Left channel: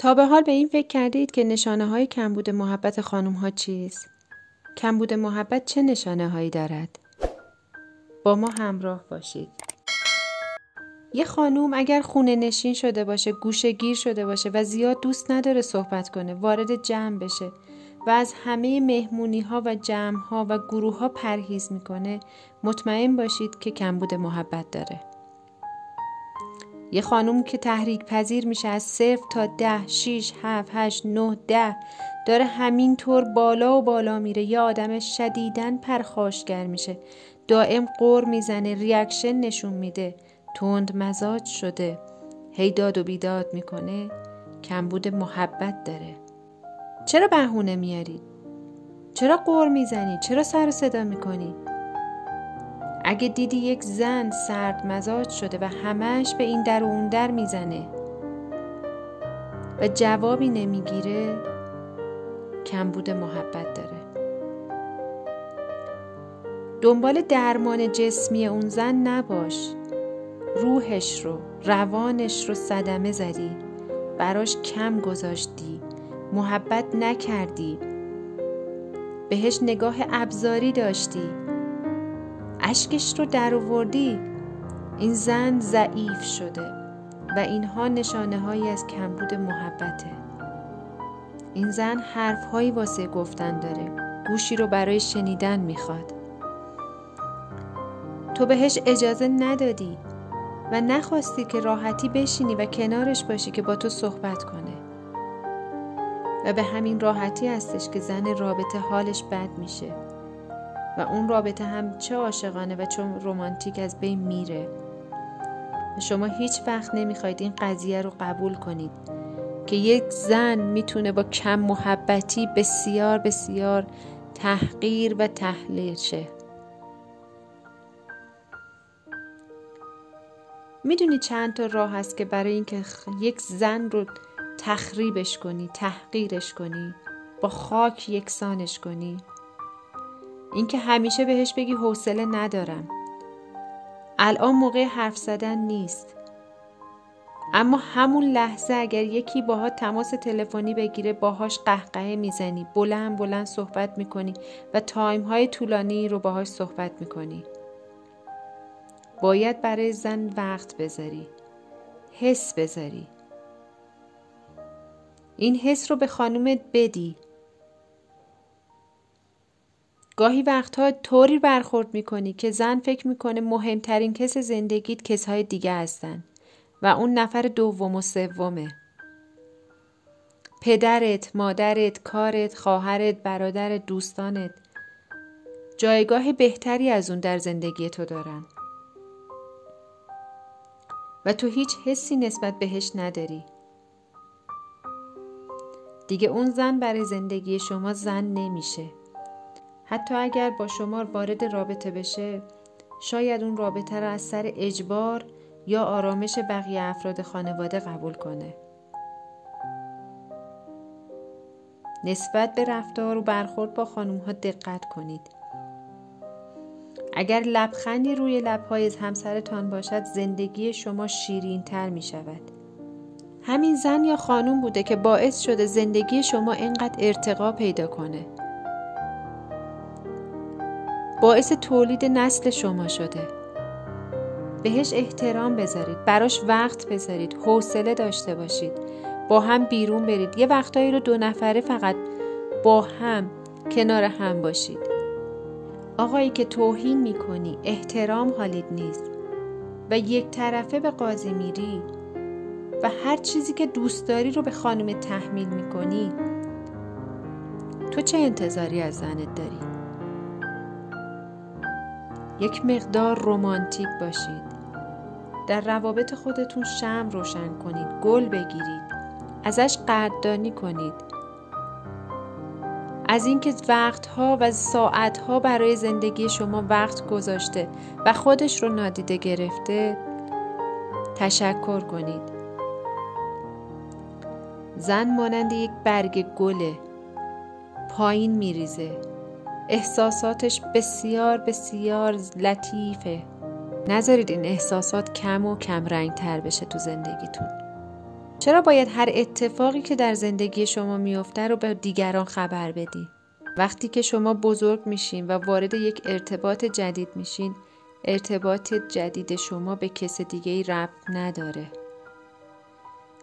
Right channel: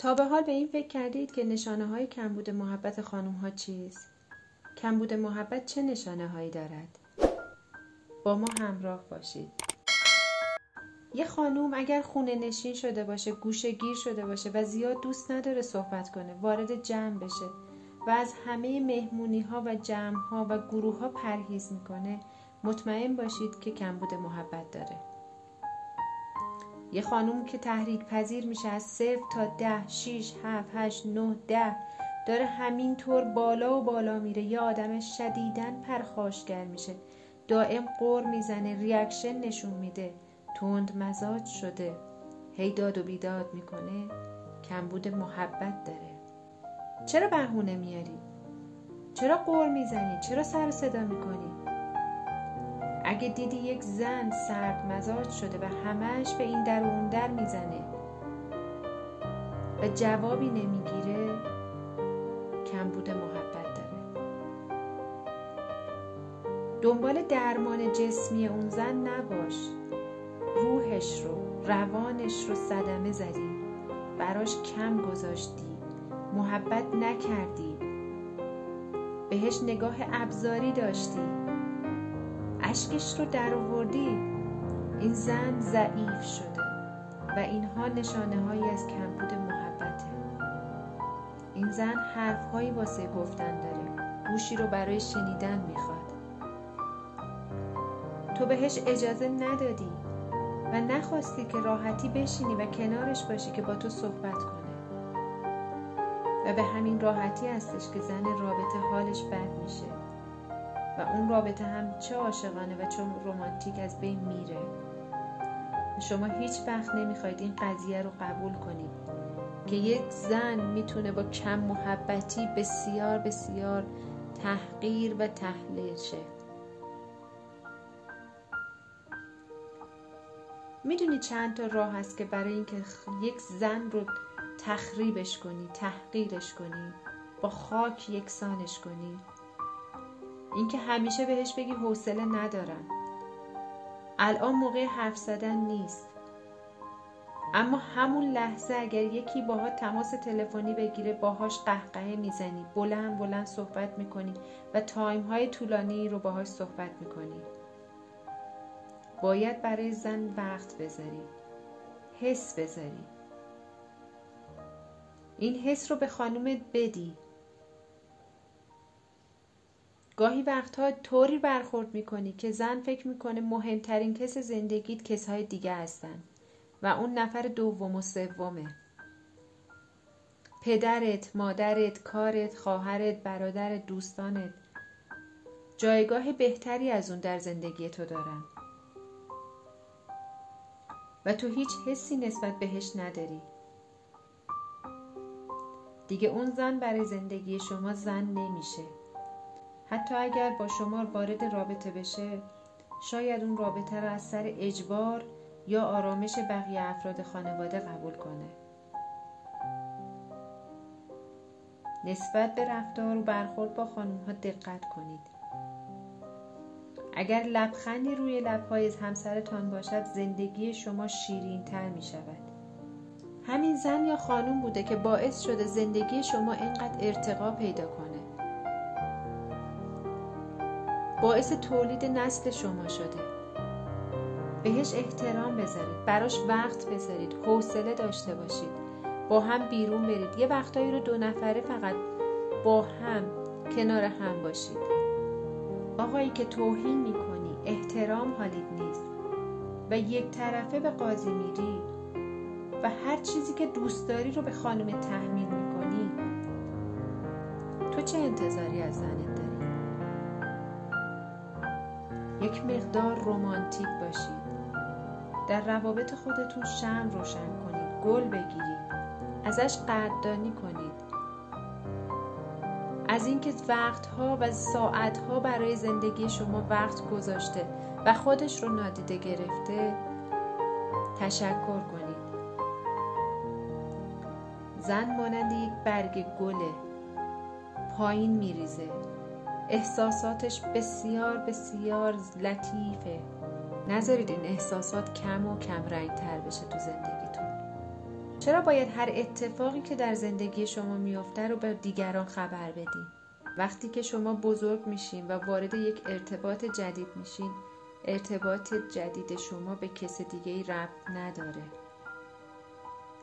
تا به حال به این فکر کردید که نشانه های کمبود محبت خانم ها چیست؟ کمبود محبت چه نشانه هایی دارد؟ با ما همراه باشید. یه خانوم اگر خونه نشین شده باشه، گوشه گیر شده باشه و زیاد دوست نداره صحبت کنه، وارد جمع بشه و از همه مهمونی ها و جمع ها و گروه ها پرهیز میکنه، مطمئن باشید که کمبود محبت داره. یه خانوم که تحریک پذیر میشه از 0 تا 10، 6، 7، 8، 9، 10 داره همینطور بالا و بالا میره، یه آدم شدیداً پرخاشگر میشه، دائم غر میزنه، ریاکشن نشون میده، تند مزاج شده، هی داد و بیداد میکنه، کمبود محبت داره. چرا بهونه میاری؟ چرا غر میزنی؟ چرا سر و صدا میکنی؟ اگه دیدی یک زن سرد مزاج شده و همش به این در و اون در میزنه و جوابی نمیگیره، کمبود محبت داره. دنبال درمان جسمی اون زن نباش. روحش رو، روانش رو صدمه زدی، براش کم گذاشتی، محبت نکردی، بهش نگاه ابزاری داشتی، اشکش رو در آوردی. این زن ضعیف شده و اینها نشانه هایی از کمبود محبته. این زن حرف هایی واسه گفتن داره، گوشی رو برای شنیدن میخواد. تو بهش اجازه ندادی و نخواستی که راحتی بشینی و کنارش باشی که با تو صحبت کنه و به همین راحتی هستش که زن رابطه حالش بد میشه و اون رابطه هم چه عاشقانه و چه رمانتیک از بین میره و شما هیچ وقت نمیخواید این قضیه رو قبول کنید که یک زن میتونه با کم محبتی بسیار بسیار تحقیر و تحلیل شه. میدونی چند تا راه هست که برای اینکه یک زن رو تخریبش کنی، تحقیرش کنی، با خاک یکسانش کنی؟ اینکه همیشه بهش بگی حوصله ندارم، الان موقع حرف زدن نیست، اما همون لحظه اگر یکی باهات تماس تلفنی بگیره باهاش قهقه میزنی، بلند بلند صحبت میکنی و تایم های طولانی رو باهاش صحبت میکنی. باید برای زن وقت بذاری، حس بذاری، این حس رو به خانومت بدی. گاهی وقتها طوری برخورد میکنی که زن فکر میکنه مهمترین کس زندگیت کسهای دیگه هستن و اون نفر دوم و سومه. پدرت، مادرت، کارت، خواهرت، برادرت، دوستانت جایگاه بهتری از اون در زندگی تو دارن و تو هیچ حسی نسبت بهش نداری. دیگه اون زن برای زندگی شما زن نمیشه. حتی اگر با شما وارد رابطه بشه، شاید اون رابطه را از سر اجبار یا آرامش بقیه افراد خانواده قبول کنه. نسبت به رفتار و برخورد با خانم ها دقت کنید. اگر لبخندی روی لب‌های همسرتان باشد، زندگی شما شیرین تر می شود. همین زن یا خانم بوده که باعث شده زندگی شما اینقدر ارتقا پیدا کنه. باعث تولید نسل شما شده. بهش احترام بذارید، براش وقت بذارید، حوصله داشته باشید، با هم بیرون برید، یه وقتایی رو 2 نفره فقط با هم کنار هم باشید. آقایی که توهین میکنی، احترام حالیت نیست و یک طرفه به قاضی میری و هر چیزی که دوست داری رو به خانم تحمیل میکنی، تو چه انتظاری از زنت داری؟ یک مقدار رمانتیک باشید. در روابط خودتون شمع روشن کنید، گل بگیرید، ازش قدردانی کنید. از اینکه وقتها و ساعتها برای زندگی شما وقت گذاشته و خودش رو نادیده گرفته تشکر کنید. زن مانند یک برگ گله، پایین میریزه، احساساتش بسیار بسیار لطیفه. نذارید این احساسات کم و کم رنگ تر بشه تو زندگیتون. چرا باید هر اتفاقی که در زندگی شما میفته رو به دیگران خبر بدین؟ وقتی که شما بزرگ میشین و وارد یک ارتباط جدید میشین، ارتباط جدید شما به کس دیگه ای ربط نداره.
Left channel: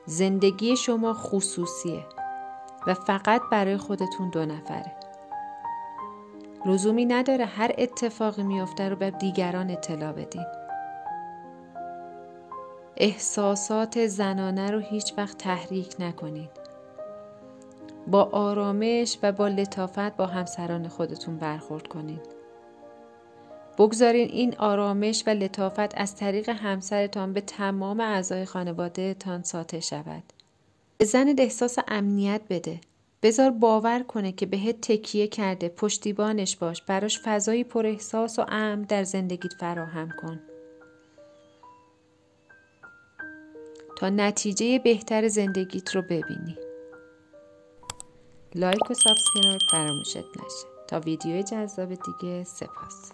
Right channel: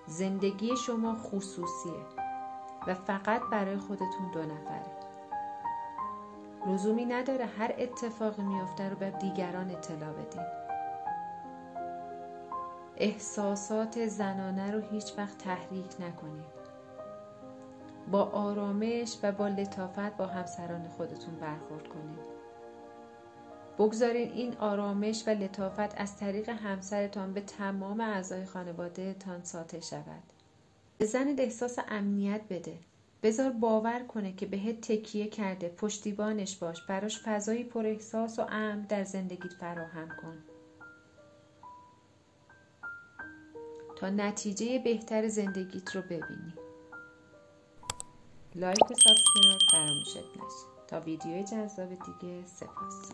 زندگی شما خصوصیه و فقط برای خودتون 2 نفره. لزومی نداره هر اتفاقی میفته رو به دیگران اطلاع بدین. احساسات زنانه رو هیچ وقت تحریک نکنید. با آرامش و با لطافت با همسران خودتون برخورد کنید. بگذارین این آرامش و لطافت از طریق همسرتان به تمام اعضای خانواده تان ساطع شود. به زنت احساس امنیت بده. بذار باور کنه که بهت تکیه کرده، پشتیبانش باش، براش فضایی پر احساس و امن در زندگیت فراهم کن. تا نتیجه بهتر زندگیت رو ببینی. لایک و سابسکرایب فراموشت نشه. تا ویدیوی جذاب دیگه، سپاس.